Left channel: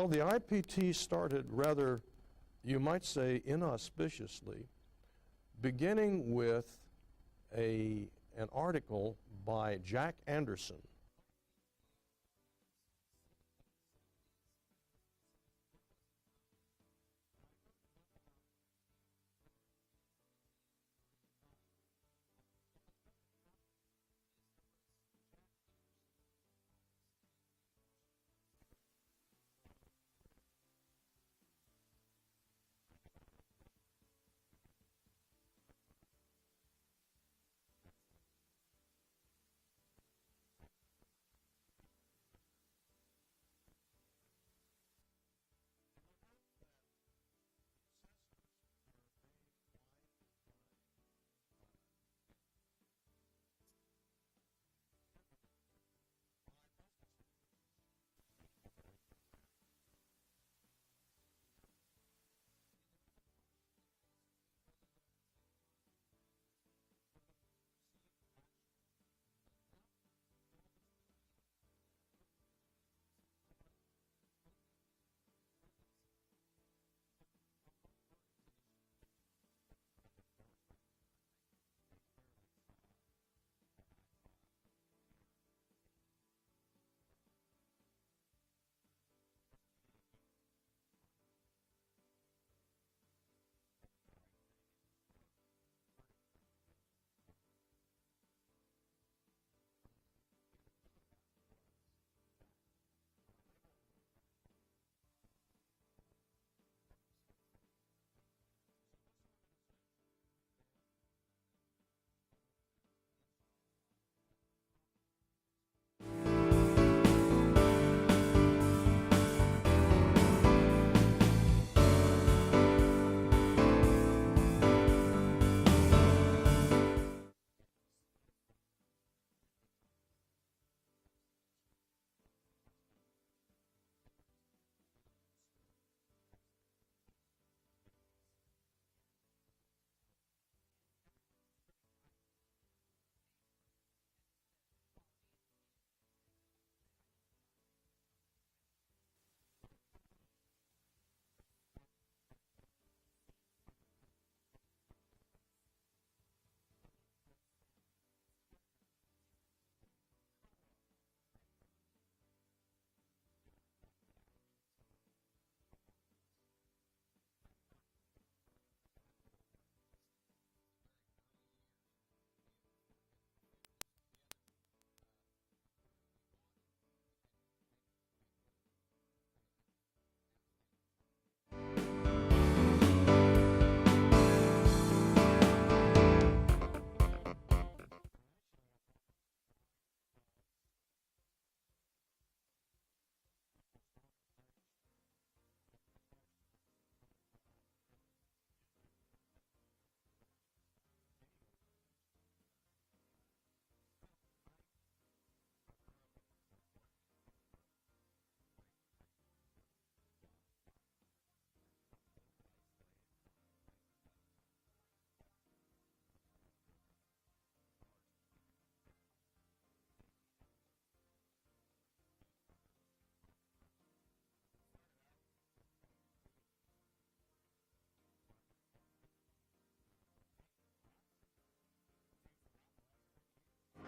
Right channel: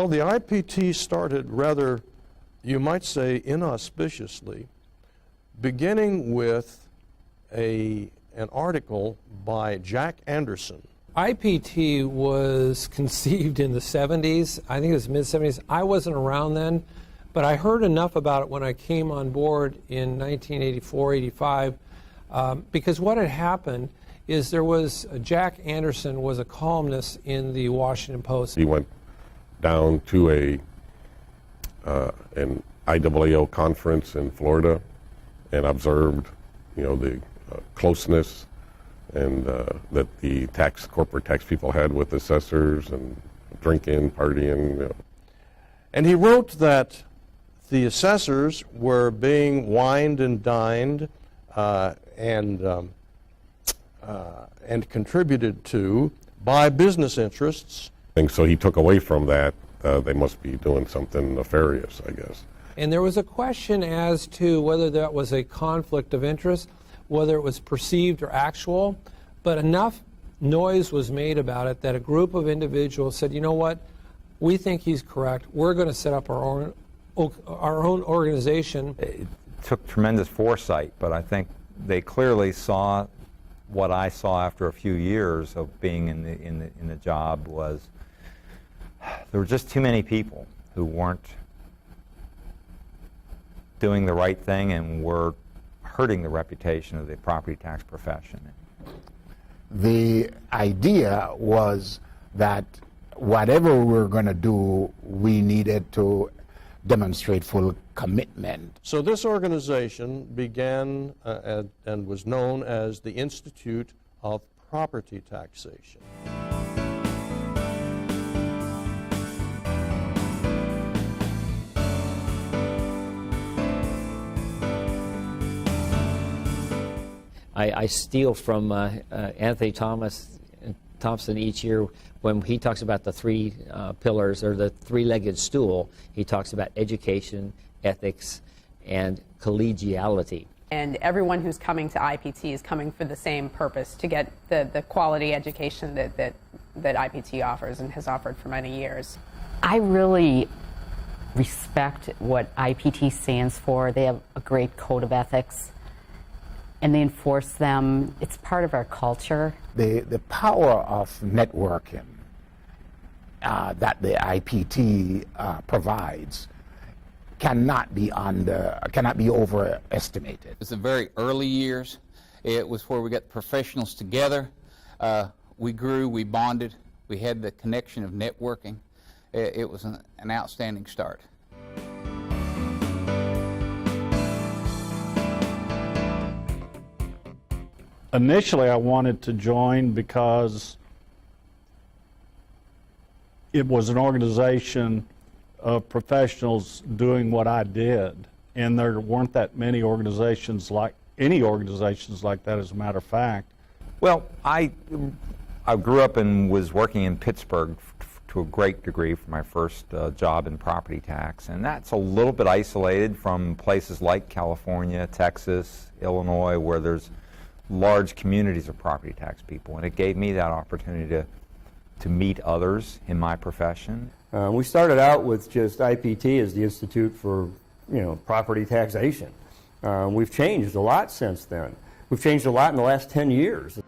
Well, the IPT started rather, you might say, inauspiciously, beginning with an article by Jack Anderson. IPT was conceived in the 70s. I think it was mid-70s. I wasn't around then, but I heard enough about it when I came on board in 1984, 85, because what had happened is there was, Jack Anderson was a columnist in the Washington Post. He went down to an IAAO conference in Florida and observed, the closeness and that the corporate tax people had with assessors and drinking, partying. And he wrote that the assessors were being wined and dined and contributed to by business interests. And so he took away from that, they must be doing something nefarious, I guess. And there was a question as to whether that was a conflict of interest, whether it was perceived or actual, but enough noise was made about it that a group of individuals said, you know what, we think he's correct, we're going to set up our own organization. It took tremendous foresight, but I think they clearly saw what I saw after a few years of being in the job was there were just too many people who weren't doing the right thing and were hurting the reputation of the property tax profession. The idea was that whatever we were going to do, we needed to demonstrate full commitment. So this organization began and was known as the Institute of Property Taxation. I steal from Anthony Thompson each year when he talks about the three pillars or the three-legged stool. He talks about education, ethics, and collegiality. And everyone who's coming to IPT is coming for the same purpose, to get the quality education that IPT offers and has offered for many years. I really respect what IPT stands for. They have a great code of ethics, and they enforce them. It's part of our culture. The power of networking that the IPT provides cannot be overestimated. It's the very early years. It was where we got professionals together. We grew, we bonded, we had the connection of networking. It was an outstanding start. Initially, I wanted to join because it was an organization of professionals doing what I did, and there weren't that many organizations like that, as a matter of fact. Well, I grew up and was working in Pittsburgh to a great degree for my first job in property tax, and that's a little bit isolated from places like California, Texas, Illinois, where there's large communities of property tax people, and it gave me that opportunity to meet others in my profession. We started out with just IPT as the Institute for, property taxation. We've changed a lot since then. We've changed a lot in the last 10 years.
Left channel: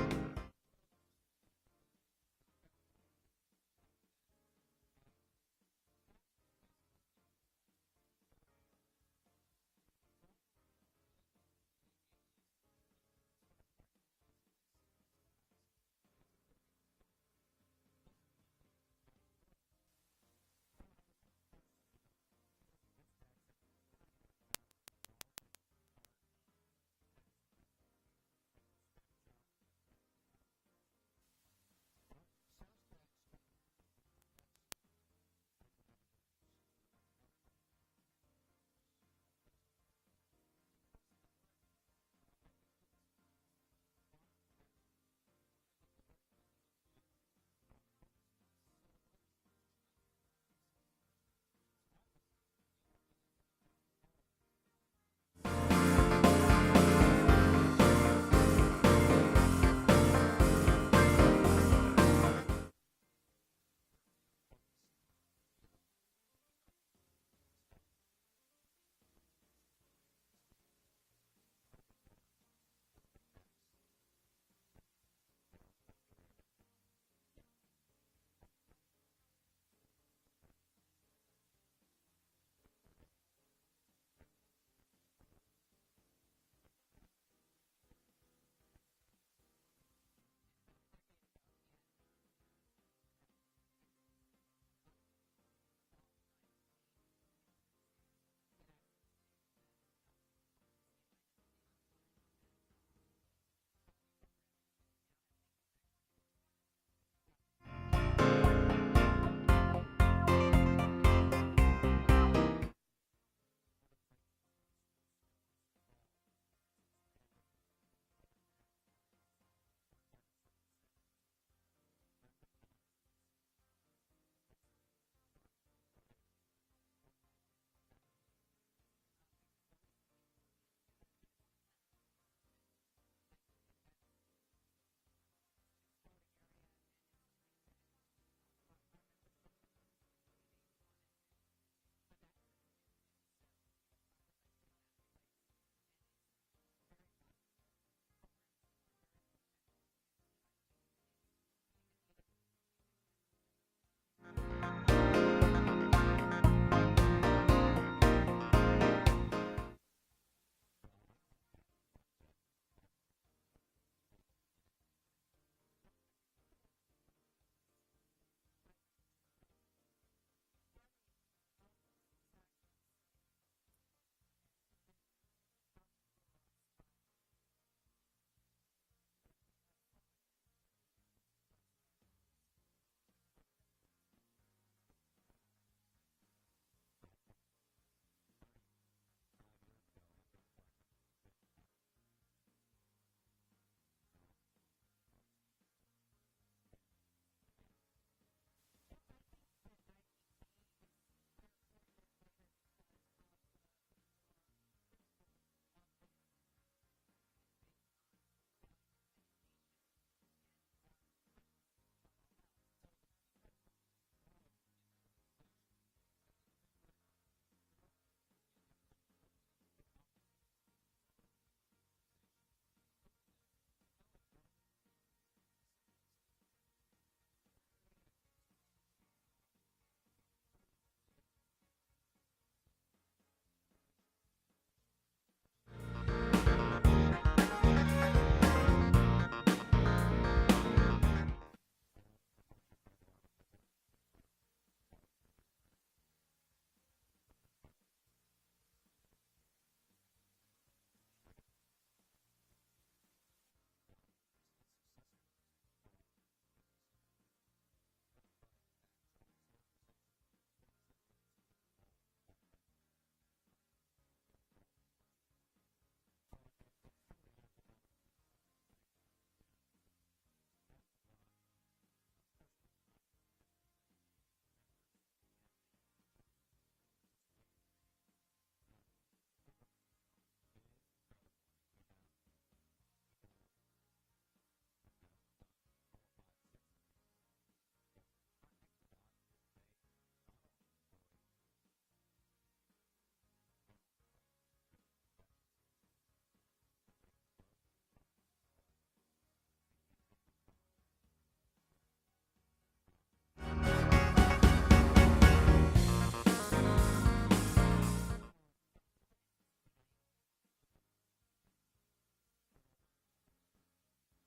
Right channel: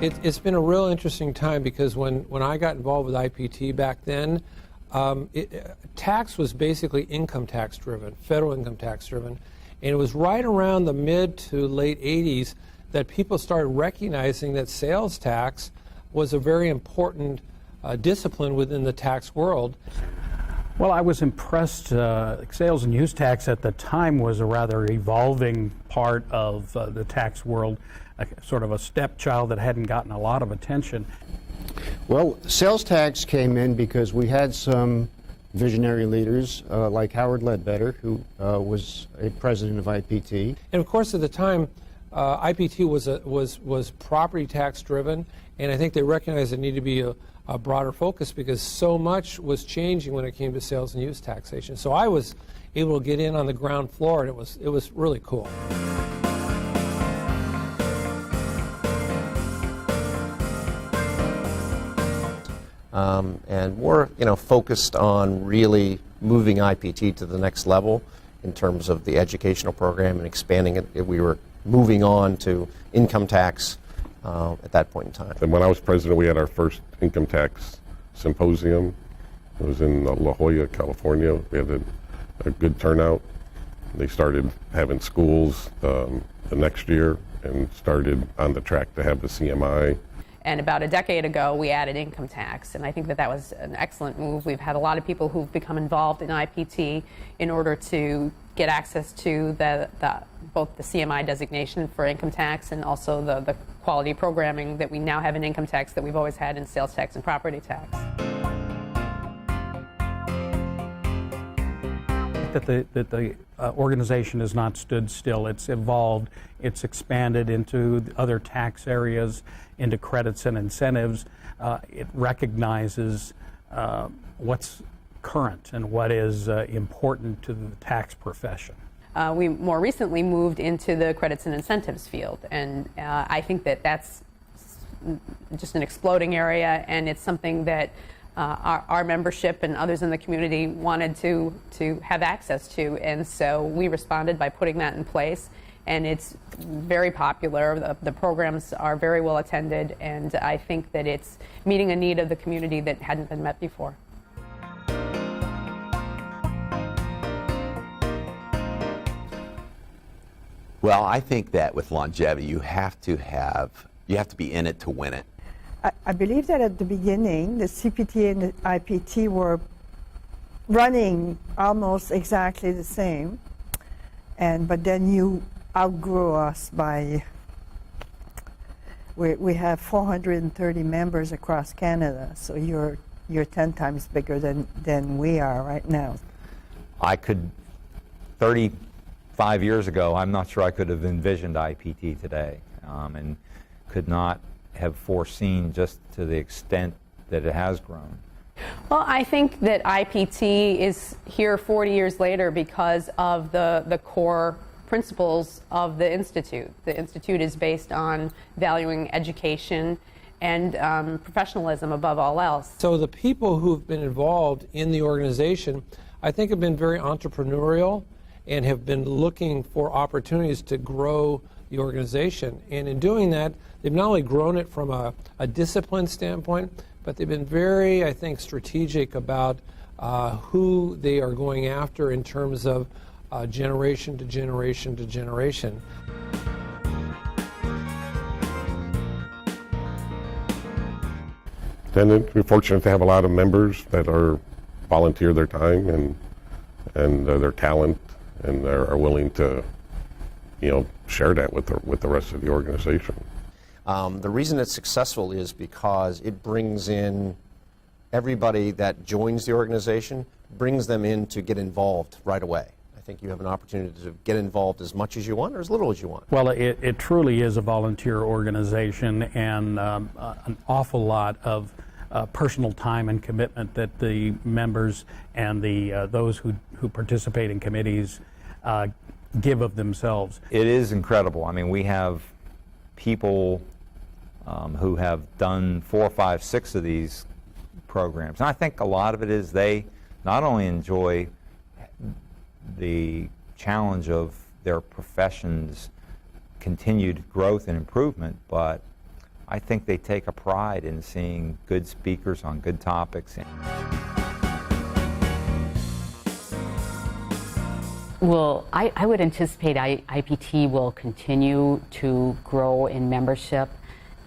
It's been a real interesting time because when I got involved with IPT back then, tax was basically income tax driven, federal income tax driven, and it was right around the mid to late 80s that people started recognizing that sales tax was a very important discipline within the tax world. Well, I was impressed. Sales and use tax at the time was a rather evolving part of the tax world, sort of a stepchild that hadn't gotten a lot of attention. Well, sales tax came in because we had some visionary leaders like Howard Ledbetter, who was a president of IPT. And of course, at the time, IPT was property tax driven, and I think they recognized it needed to be a broader focus because so much was changing when it came to sales and use taxation. So I was able to get in on the ground floor, and it was really cool. and more, focused on really moving IPT to the next level in terms of the educational program and expanding it. We were moving on to income tax at that point in time. And when I was president, we had our first income tax symposium. It was in La Jolla, California. We had a good turnout. They started having schools the next year and started on the track to have the CMI. And about a decade ago, we added income tax, and I think that that was an excellent move. We've had a lot of people who've become involved in IPT in order to get access to both the CMI designation for income tax and also the quality programming that we now have in income tax that we've always had in sales tax and property tax. That the organization has not stood still. It's evolved. It's expanded into other tax areas, into credits and incentives. It recognizes what's current and what is important to the tax profession. We more recently moved into the credits and incentives field, and I think that that's just an exploding area, and it's something that our membership and others in the community wanted to have access to, and so we responded by putting that in place, and it's very popular. The programs are very well attended, and I think that it's meeting a need of the community that hadn't been met before. Well, I think that with longevity, you have to be in it to win it. I believe that at the beginning, the CPT and the IPT were running almost exactly the same, but then you outgrew us by. We have 430 members across Canada, so you're 10 times bigger than we are right now. 35 years ago, I'm not sure I could have envisioned IPT today, and could not have foreseen just to the extent that it has grown. Well, I think that IPT is here 40 years later because of the core principles of the Institute. The Institute is based on valuing education and professionalism above all else. So the people who've been involved in the organization, I think, have been very entrepreneurial and have been looking for opportunities to grow the organization. And in doing that, they've not only grown it from a discipline standpoint, but they've been very, I think, strategic about who they are going after in terms of generation to generation to generation. And we're fortunate to have a lot of members that volunteer their time and their talent, and are willing to, share that with the rest of the organization. The reason it's successful is because it brings in everybody that joins the organization, brings them in to get involved right away. I think you have an opportunity to get involved as much as you want or as little as you want. Well, it truly is a volunteer organization, and an awful lot of personal time and commitment that the members and those who participate in committees give of themselves. It is incredible. I mean, we have people who have done 4, 5, 6 of these programs. And I think a lot of it is they not only enjoy the challenge of their profession's continued growth and improvement, but I think they take a pride in seeing good speakers on good topics. Well, I would anticipate IPT will continue to grow in membership.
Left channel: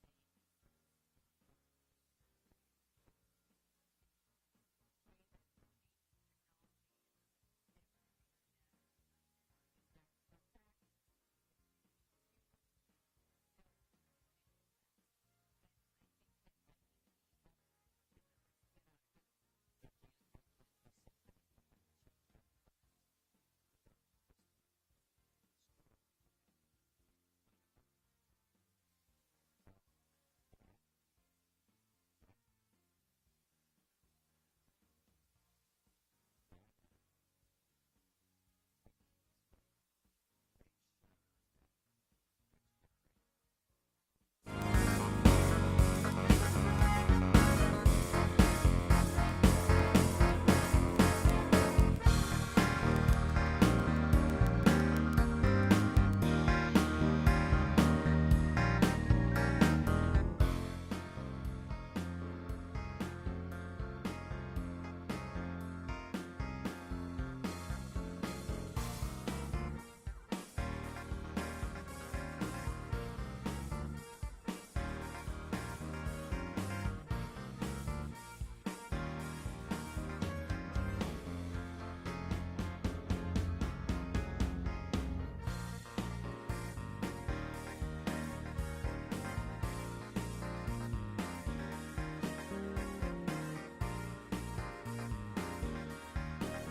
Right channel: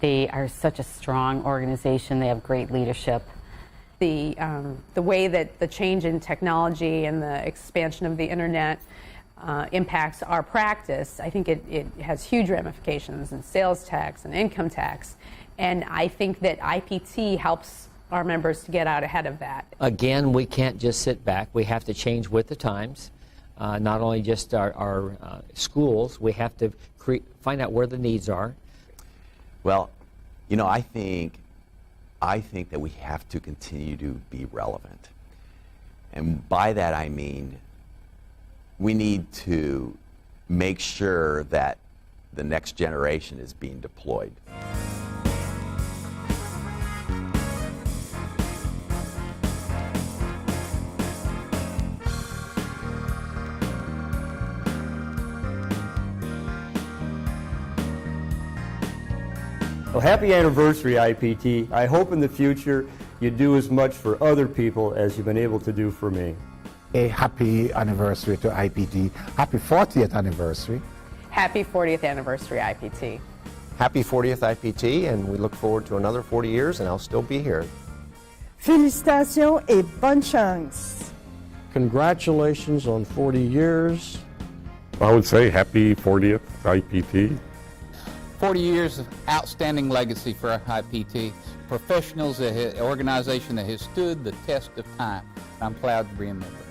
They are such a strong organization. They have great leadership. The way that the change in technology and the expansion of the internet impacts our practice, I think it has huge ramifications in sales tax and income tax. And I think that IPT helps our members to get out ahead of that. Again, we can't just sit back. We have to change with the times. Not only just our schools, we have to find out where the needs are. Well, I think that we have to continue to be relevant. And by that I mean we need to make sure that the next generation is being deployed. happy anniversary, IPT. I hope in the future you do as much for other people as you've been able to do for me. A happy anniversary to IPT. Happy 40th anniversary. Happy 40th anniversary, IPT. Happy 40th IPT, and we look forward to another 40 years, and I'll still be here. Félicitations et bonne chance. Congratulations on 40 years. I would say happy 40th IPT. 40 years of outstanding legacy for IPT. Professionals, an organization that has stood the test of time. I'm proud to be a member.